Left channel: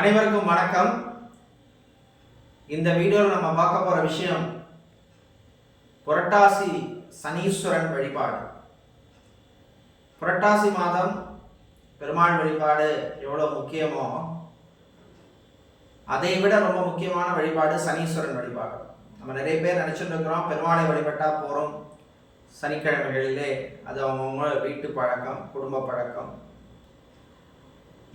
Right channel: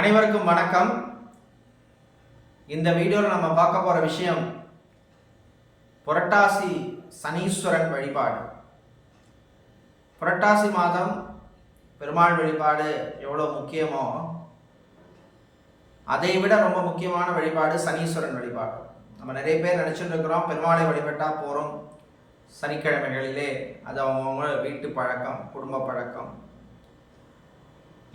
அனைவருக்கும் வணக்கம். இந்த வீடியோவில் நம்ம பார்க்க போகிற விஷயம் புரட்டாசி சனீஸ்வரன் வழிபாடு. புரட்டாசி மாதம் பெருமாள் வழிபாடு எவ்வளோ முக்கியமோ அதை விட ரொம்ப முக்கியமான வழிபாடு சனீஸ்வரன் வழிபாடு. நம்ம நிறைய பேர் நினச்சிட்டு இருக்கிறோம் பெருமாளை வழிபட்டால் போகிறோம் சனிக்கிழமைகளிலே. அது அவங்கவுங்க வீட்டு பழக்கம், குடும்ப பழக்கம்.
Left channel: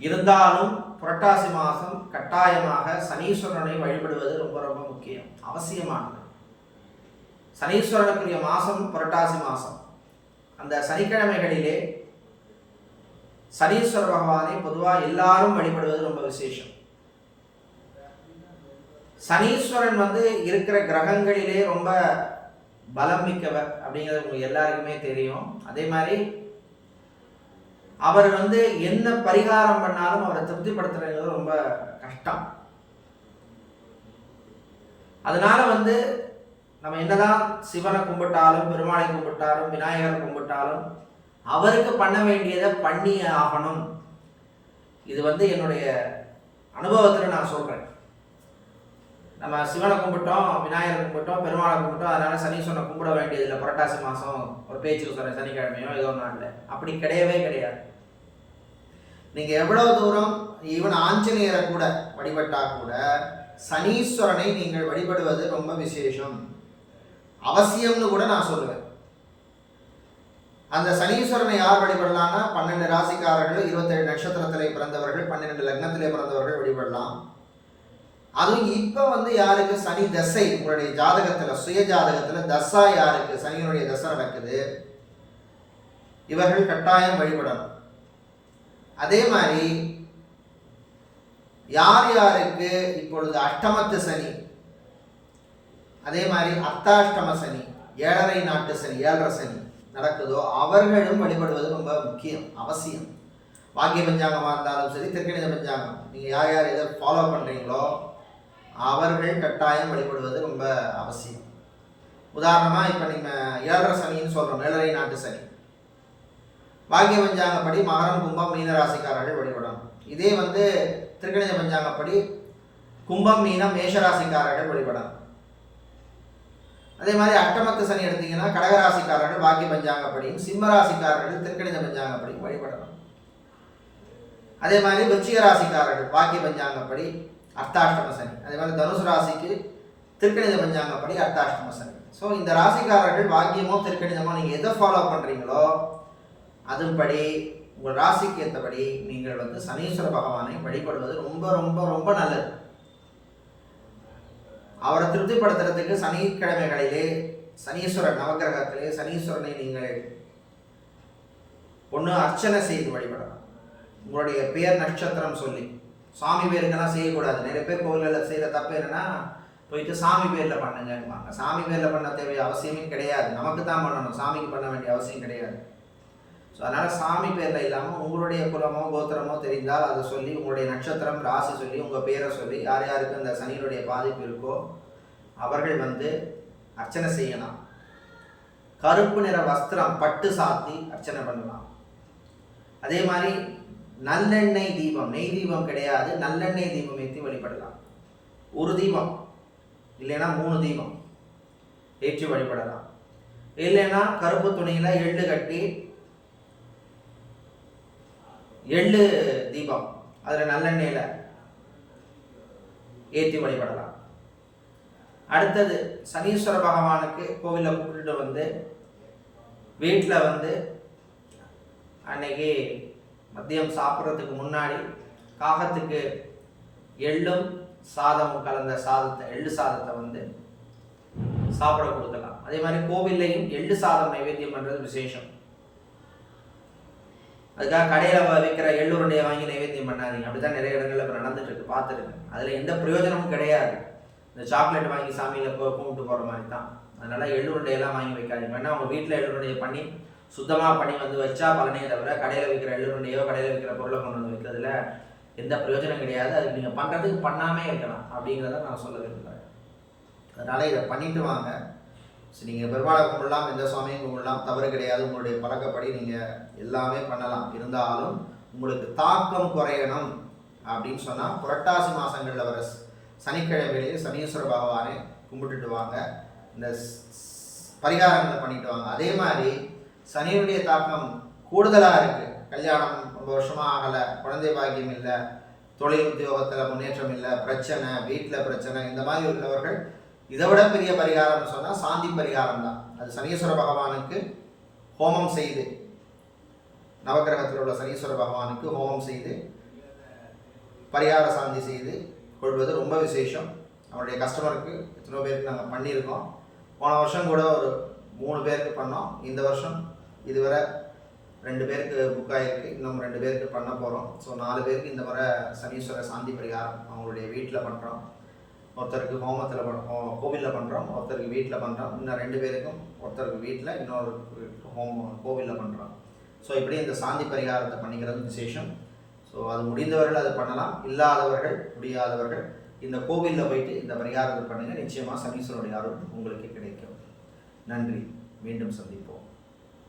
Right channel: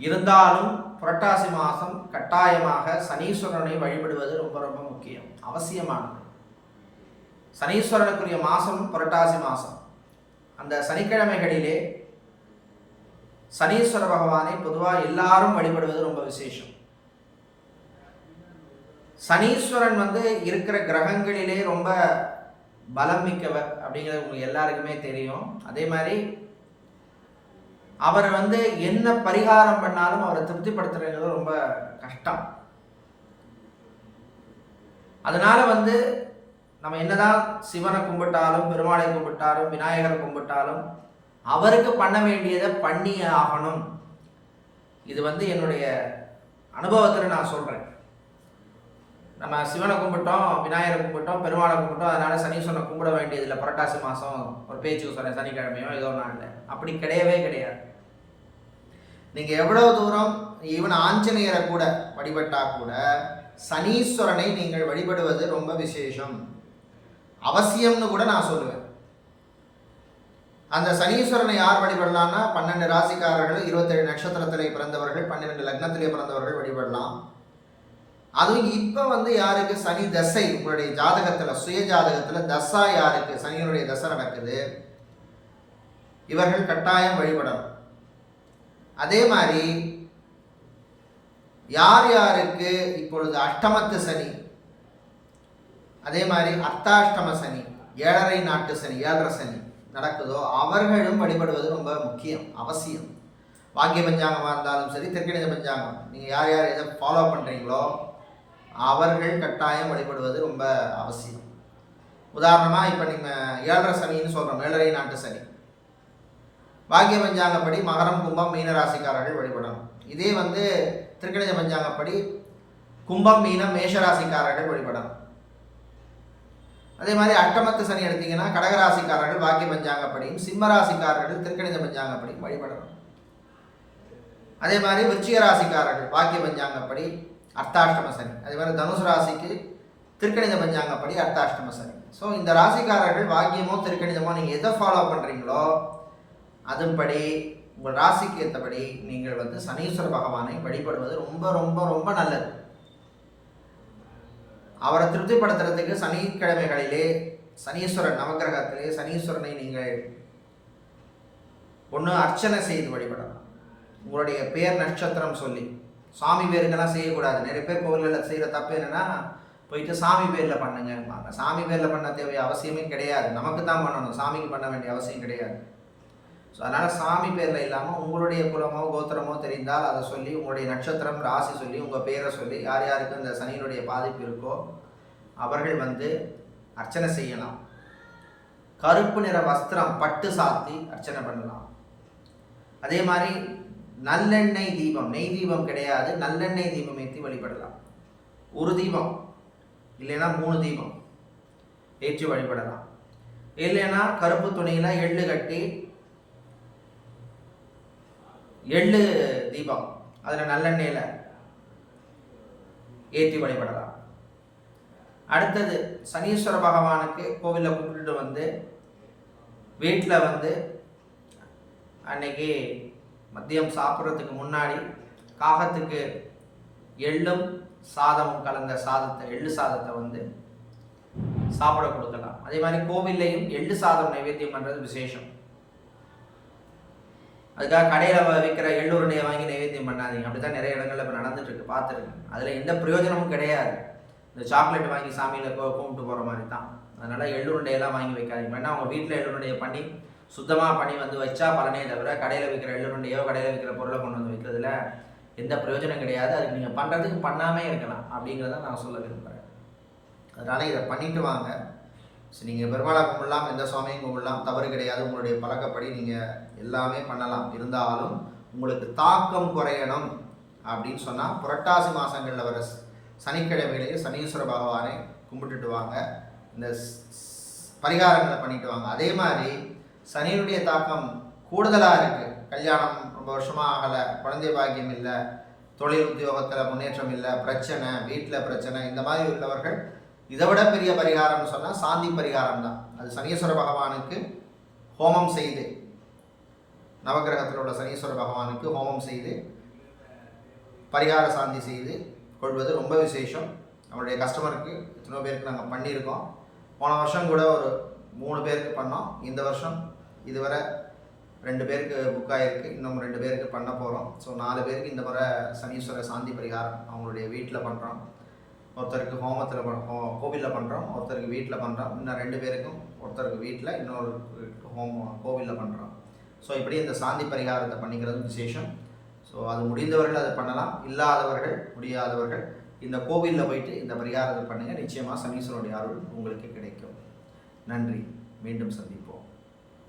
இருந்தாலும் புரட்டாசி மாதம் கட்டாயமாக சனீஸ்வரனை வழிபடுவது ரொம்ப ரொம்ப முக்கியம், அவசியமானது. சனீஸ்வரனுக்குரிய மாதம் புரட்டாசி மாதம். அந்த சனிக்கிழமைகளிலே சனீஸ்வர பகவானை பொதுவாக எல்லாரும் வழிபடுவது ரொம்ப விசேஷம். சனீஸ்வரன் இருக்கிற கிரகங்களிலே ரொம்ப பலம் மிக்கவர் அப்படிங்கிறது உங்களுக்கு எல்லாருக்குமே தெரியும். அதே மாதிரி அவர் என்ன பரிகாரம் பண்ணாலும் அவரை திருப்திப்படுத்துறது ரொம்ப கஷ்டம். அதனால நம்ம என்னதான் சிவனை கும்பிட்டாலும், பெருமாளை கும்பிட்டாலும், விநாயகரை கும்பிட்டாலும் அவருக்கு பண்ண வேண்டியதை பண்ணி ஆகணும். இது என்னுடைய அனுபவத்தில் நான் சொல்கிறேன். நம்ம சிவனை கும்பிட்டோம், விநாயகரை கும்பிட்டோம், பெருமாளை கும்பிட்டோம், அதனால சனீஸ்வரனை கும்பிட வேண்டியதில்லை. புரட்டாசி மாதம் ஒரு பேச்சுக்கு சொன்னேன், சனிக்கிழமையோ ஏதோ நாளில் அப்படி கிடையவே கிடையாது. நீங்கள் எவ்வளோ தூரம் ஈவன் ஆஞ்சநேயரை கூட வழிபட்டால் கூட சனீஸ்வரனை நீங்கள் வழிபடுவது ரொம்ப விசேஷம், அவசியம்னு கூட நான் சொல்லுவேன். அந்த சனீஸ்வரனை யார் வழிபடலான்னா 12 ராசிக்காரர்கள், 27 நட்சத்திரத்திலே பிறந்தவர்கள், 12 லக்னத்திலே பிறந்தவர்கள் வழிபடலாம். அதுவும் இப்போ யாருக்கு சனி தசை, உங்களுடைய ஜாதகத்தில், சுய ஜாதகத்தில் தசா யாருக்கு சனியினுடைய தசை நடக்குது, இவர்கள் கட்டாயம் வழிபடணும். அதே மாதிரி யார் யாருக்கு இப்பொழுது அஷ்டமத்து சனி, அதே மாதிரி அர்த்தாஷ்டம சனி, 7.5 நாட்டு சனி, 7.5 சனி நடக்குதோ அவர்களும் வழிபடுவது ரொம்ப முக்கியம், அவசியம். வாக்கிய பஞ்சாங்கமாக இருந்தாலும் சரி, திருக்கணித பஞ்சாங்கம், நீங்கள் யார் யார் எதை ஃபாலோ பண்ணுறீங்களோ அவர்கள் கட்டாயம் வழிபடுவது ரொம்ப அவசியம். உதாரணமாக இப்போ நீங்கள் 7.5 சனின்னு சொல்கிறோம், 7.5 நாட்டு சனி. பாக்கிய பஞ்சாங்கப்படி மகரம், கும்பம், மீனராசிக்காரர்கள் வழிபடணும். இதே திருக்கணித பஞ்சாங்கப்படி கும்பம், மீனம், மேஷராசிக்காரர்கள் வழிபடணும். அதே மாதிரி அஷ்டமத்து சனி எடுத்தீங்கன்னா கடகராசிக்காரர்கள் பாக்கிய பஞ்சாங்கப்படியும், சிம்மராசிக்காரர்கள் திருக்கணித பஞ்சாங்கப்படியும் வழிபடணும். அதே மாதிரி விருச்சிக ராசிக்காரர்கள் பாக்கிய பஞ்சாங்கப்படி அர்த்தாஷ்டம சனி. அதே மாதிரி தனுசு ராசிக்கு திருக்கணித பஞ்சாங்கப்படி அர்த்தாஷ்டம சனி. ஸோ இந்த ராசிக்காரர்கள் பாக்கியமோ திருக்கணிதமோ நீங்கள் எதை ஃபாலோ பண்ணுறீங்களோ அதுபடி உங்கள் ராசிக்கு ஏற்றபடி நீங்கள் சனீஸ்வர பகவானை வழிபடுவது ரொம்ப ரொம்ப ரொம்ப நல்லது. அவரை திருப்திப்படுத்துறதுக்கு சனிக்கிழமைகளிலே சனீஸ்வரன் நவகிரகத்திலே சனீஸ்வரனை நீங்கள் ஒன்று அர்ச்சனை செய்து வழிபடலாம். உங்களுடைய பேர் நட்சத்திரம் சொல்லி, சாமி பேருக்கெல்லாம் செய்யக்கூடாது. நிறைய பேர் கோவில்களில் செய்கிற தப்பு என்னென்னா போயிட்டு சாமி பேரில் பண்ணுங்கம்பாங்க. சாமி பேரில் பண்ண தேவைய அவசியமே கிடையாது, நமக்கு தான் பண்ணணும், சாமிக்கு பண்ண வேண்டிய அவசியம் கிடையாது. ஸோ அதனால் சாமி பேரில் இல்லாமல் உங்களுடைய குலமோ கோத்திரமோ தெரிந்தால் அதை சொல்லி, உங்களுடைய நட்சத்திரம் ராசி சொல்லி, உங்கள் பேரை சொல்லி, யார் யாருக்கு இந்த சனியினுடைய பாதிப்பு இருக்கோ அவர்கள் அர்ச்சனை செய்யலாம். கருப்பு நிற வஸ்திரம் பட்டு சாத்தி அர்ச்சனை பண்ணலாம். அதே மாதிரி நல்லெண்ணெய் தீபம், நெய் தீபம் கிடையாது, நல்லெண்ணெய் தீபம் ஏற்றி வழிபடலாம். ஒரு தீபம் இல்லைன்னா 3 தீபம் ஏற்றி வழிபடலாம். இல்லைன்னா கருப்பு துணியில் எள்ளு கட்டி எள்ளு தீபம் அதில் நல்லெண்ணெயில் ஏற்றி வழிபடலாம். அடுத்தது சனீஸ்வர பகவானுக்கு கோவிலில் கூப்பிட்டுட்டு வீட்டில் அன்னைக்கு மதியம் சாப்பிட்றதுக்கு முன்னாடி காகத்துக்கு எள்ளும் சாதமும் கலந்த சாதத்தை, எள்ளு சாதத்தை சாப்பிட கொடுக்கலாம். அதே மாதிரி கோவில்லையும் எள்ளு சாதம் நைவேத்தியம் பண்ணுறது விசேஷம். அதுக்காக கடையில் விற்கிற எள்ளுருண்டையை வாங்கி நைவேத்தியம் பண்ணாதீங்க. அப்படி தான் நிறைய இடங்களில் இப்போ நடந்துட்டு இருக்கு, பார்த்துருக்கு. அதில் எந்த பிரயோஜனமும் கிடையாது. இந்த சாக்லேட் வாங்கி சாமியில் கும்பிட்டு போகிற மாதிரி தான். அதனால் எள்ளுருண்டையெல்லாம் வாங்கி வைக்காதீங்க. வேணா உங்கள் வீட்டில் எள்ளுருண்டையை பண்ணி சுத்தமாக பண்ணி வச்சா பலனே தவிர கடையில் விற்கிற எள்ளுருண்டையோ கடையில் விற்கிற பொருளை கொண்டு வைக்கிறதுல எந்த பிரயோஜனம் கிடையாது. அதுக்கு நீங்கள் பண்ணுறதுக்கு பண்ணாமே இருக்கலாம் அப்படிங்கிறத நான் சொல்ல விரும்புகிறேன். அதனால் இதை பண்ணிட்டு வாங்க. நீங்கள் பெருமாளை கும்பிடலாம், எந்த சுவாமியும் கும்பிடலாம், தவறு கிடையாது. உங்களுடைய பழக்கப்படி நீங்கள் எல்லாமே பண்ணலாம். இருந்தாலும் உங்களுக்கு தாக்கம் குறையணும் அப்படின்னு சொன்னால் புரட்டாசி மாதங்களில் வர சனிக்கிழமையிலேயே சனீஸ்வர பகவானை கும்பிட்டுட்டு வாங்க, இந்த பரிகாரங்களை பண்ணிட்டு வாங்க. அதே மாதிரி சனியுடைய தாக்கம் கூடுதலாக இருக்குது. கல்யாணம் ரொம்ப வருஷமாக ஆகலை, குழந்தை பாக்கியம் இல்லை, தொழில் உத்தியோகத்தில் முன்னேற்றம் இல்லை, பிரச்சனை, வீட்டில் பிரச்சனை, இந்த மாதிரி உள்ளவர்கள் இதை விட பெரிய பரிகாரம்னு சொன்னால் சாந்தி பரிகாரம் தான். அது சனீஸ்வர பகவானுக்கு ஹோமம் செய்து, நவகிரகத்தில் உள்ள சனீஸ்வர பகவானுக்கு ஹோமம் செய்து பரிகார சாந்தி செய்து கொள்வது ரொம்ப விசேஷம். நம்மளுடைய கஸ்டமருக்கு எத்தனை பேருக்கு நாங்கள் பண்ணியிருக்கோம். போன வருஷம் கூட ஒரு 3 பேருக்கு பண்ணோம். இந்த வருஷம் இதுவரை 2 பேருக்கு புக் ஆகிருக்கு, இன்னும் 2 பேருக்கு பண்ண போகிறோம். ஸோ 4 பேருக்கு இந்த முறை சனீஸ்வர சாந்தி பரிகாரம் அவங்களுடைய வீட்டில் பண்ணுறோம். ஒருத்தருக்கு ஹோமத்தில் கோவிலில் பண்ணுறோம், ஒருத்தருக்கு வீட்டில் பண்ணுறோம். இன்னும் 2 பேருக்கும் ஒருத்தருக்கு வீட்டில், இன்னொரு கோவிலில் பண்ணுறோம். ஸோ இப்படி இந்த சாந்தி பரிகாரத்தை பண்ணிக்கிறது விசேஷம். ஸோ அது முடிந்தவர்கள் அது பண்ணலாம், இல்லாதவர்கள் முடியாதவர்கள் இந்த கோவிலில் போயிட்டு இந்த பரிகாரத்தை பண்ணுங்கள். நிச்சயமாக சனீஸ்வரனுடைய அருள் உங்களுக்கு கிடைக்கும். நன்றி, மீண்டும் சந்திப்போம்.